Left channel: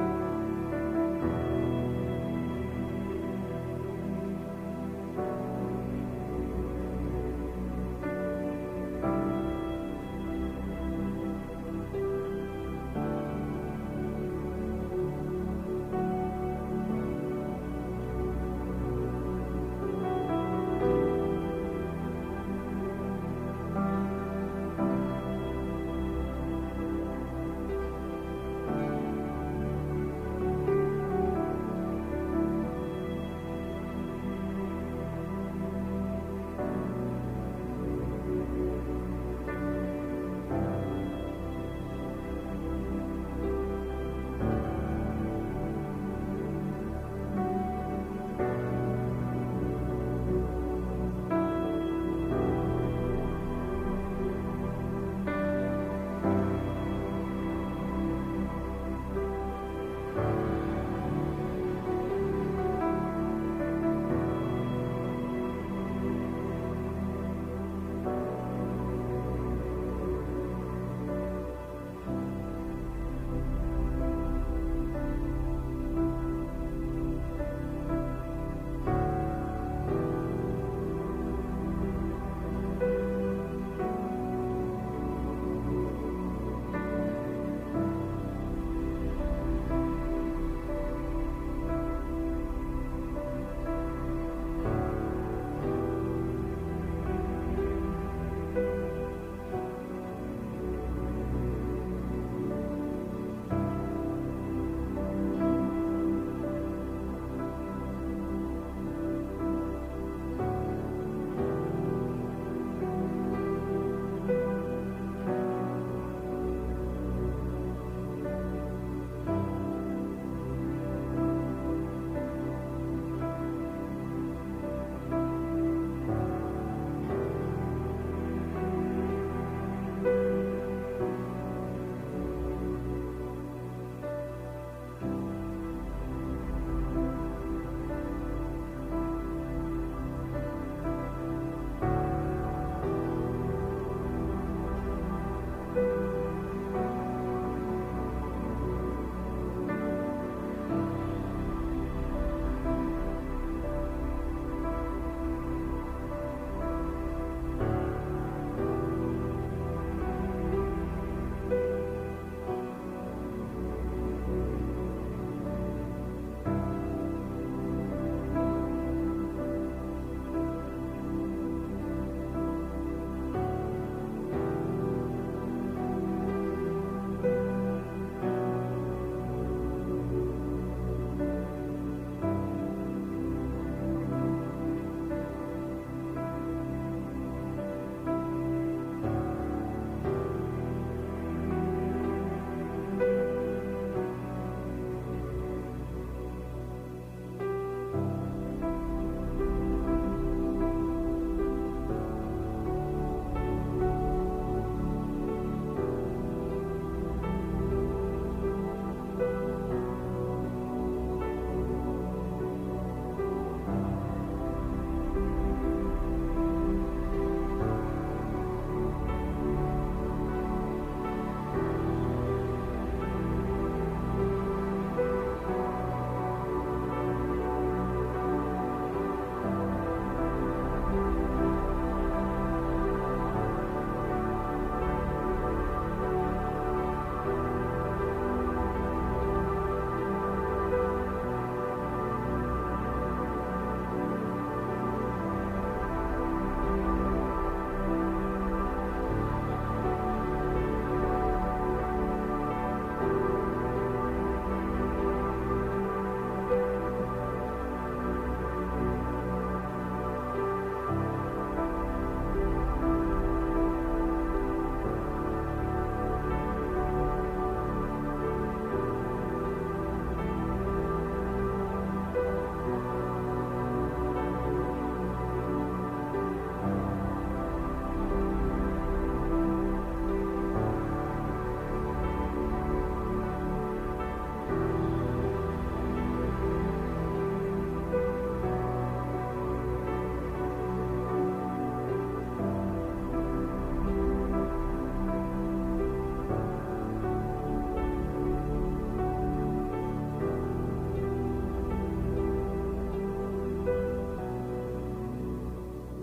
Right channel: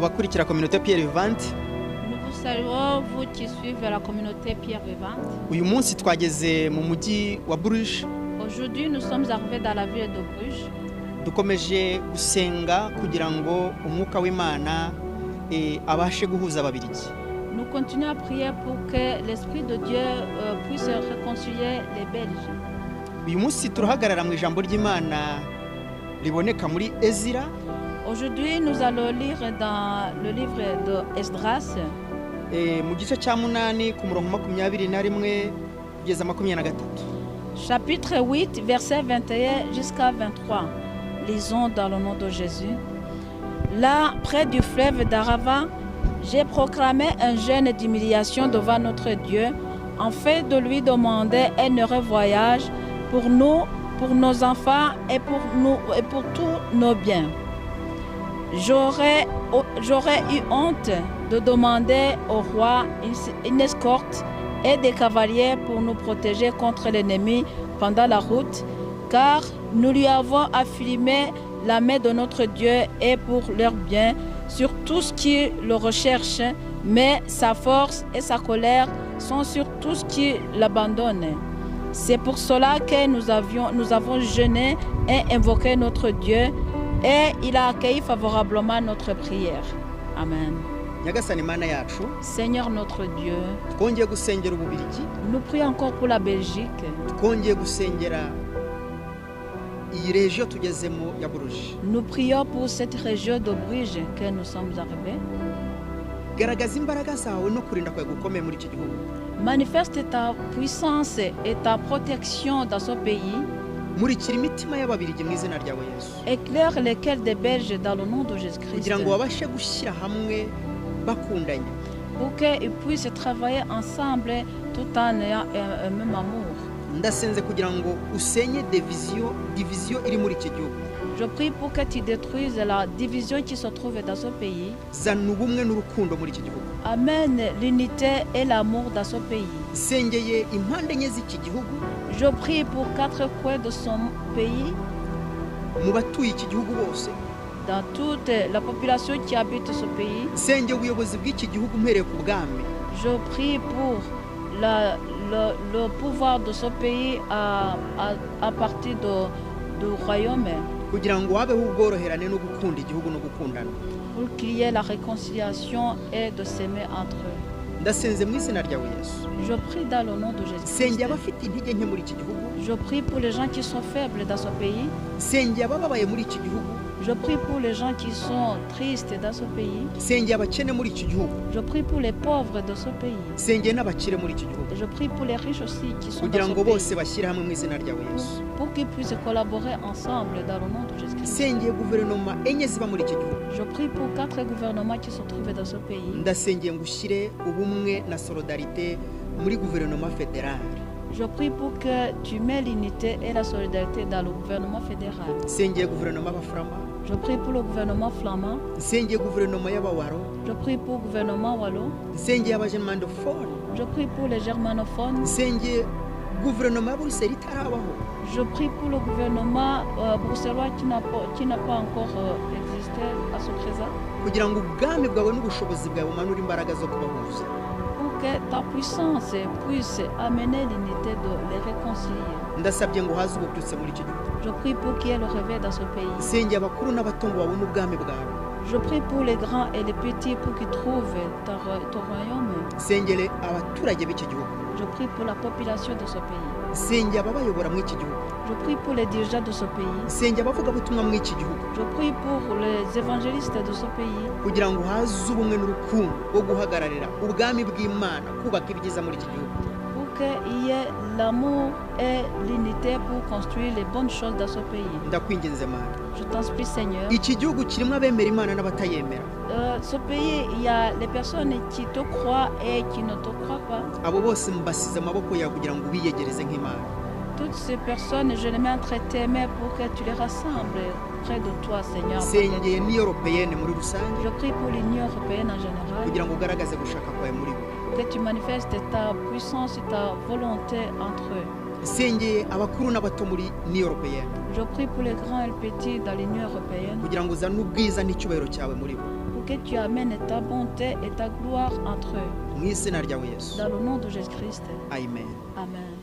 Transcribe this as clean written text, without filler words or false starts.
abakurikira communauté Pierre Vivante. Nous vous saluons, vous qui suivez la communauté Pierre Vivante. Uyu munsi twageze mu mujyi wa Bruges. Aujourd'hui, nous sommes arrivés dans la ville de Bruges. Dukomeje gusenga kugira ngo umwuka w'Imana abashe guhuza ababirigi. Nous continuons à prier pour que l'Esprit de Dieu puisse réconcilier les Belges. Uyu munsi turahagarara mu ijambo ry'Imana riboneka muri Ezira. Aujourd'hui, nous allons lire dans le livre de Esdras. Mu gice cya 8 ku murongo 21 kugeza 23. Chapitre 8, verset 21 jusqu'à 23. Lisons dans le nom de Jésus. Là, près du fleuve d'Arava, j'ai proclamé un jeûne d'humiliation devant notre Dieu, en fait de lui demander un heureux voyage pour nous, pour nos enfants et pour tous nos biens. J'aurais eu honte de demander au roi une escorte et des cavaliers pour nous protéger contre l'ennemi pendant la route, car nous lui avons affirmé la main de notre Dieu et pour leur bien sur tout ce qui le recherche, mais sa force et sa colère sont sur tout ce qui l'abandonne. C'est pour cela que nous avons jeûné et invoqué notre Dieu, et il a accueilli favorablement notre prière. Amen. Seigneur notre Dieu, nous prions encore pour la Belgique. Nous prions pour cette région de Bruges que nous sommes arrivés. Manifeste ta puissance et ta protection dans ce pays. Éclaire les cœurs des Belges dans le nom de Jésus-Christ. Pour qu'ils puissent travailler ensemble tout en ayant un même amour. Je prie pour que tu détruises la division qui se trouve dans ce pays. Amène l'unité et l'amour dans ce pays. Je prie pour 4 coins de son pays. Dans toute la population qui habite ce pays. Je prie pour le pouvoir de ce pays à partir du royaume. Pour qu'il y ait la réconciliation et de s'aimer entre eux. Je prie dans le nom de Jésus. Je prie pour les gens qui sont faibles dans ce pays. Je prie pour les gens qui sont tristes dans ce pays. Je prie pour les pauvres de ce pays. Je prie pour les riches aussi qui sont dans ce pays. Pour qu'ils puissent collaborer ensemble dans le nom de Jésus-Christ. Je prie pour 4 gouvernements qui se trouvent dans ce pays. Je prie pour que tu mets l'unité et la solidarité dans le gouvernement fédéral. Je prie pour le gouvernement flamand. Je prie pour le gouvernement wallon. Je prie pour les germanophones. Je prie pour le gouvernement bruxellois qui n'a pas encore existé à ce présent. Pour que ta puissance puisse amener l'unité de les réconcilier. Je prie pour qu'il y ait le réveil dans ce pays. Je prie pour les grands et les petits pour qu'ils trouvent ton royaume. Je prie pour la population de ce pays. Je prie pour les dirigeants de ce pays. Je prie pour les évangélistes de ce pays. Pour qu'il y ait l'amour et l'unité pour construire les bonnes choses dans ce pays. Je t'en supplie, Seigneur. Ce pays, il y a les personnes qui te croient et qui ne te croient pas. Toutes ces personnes, je les mets entre tes mains pour que tu les rassembles près de toi, Seigneur. Je prie pour l'Union européenne en général. Que tu manifestes ta puissance et ta volonté entre eux. Je prie pour les grands et les petits dans l'Union européenne. Pour que tu amènes ta bonté et ta gloire entre eux. mu izina ryawe Yesu, Dans le nom de Jésus-Christ. amen. Amen.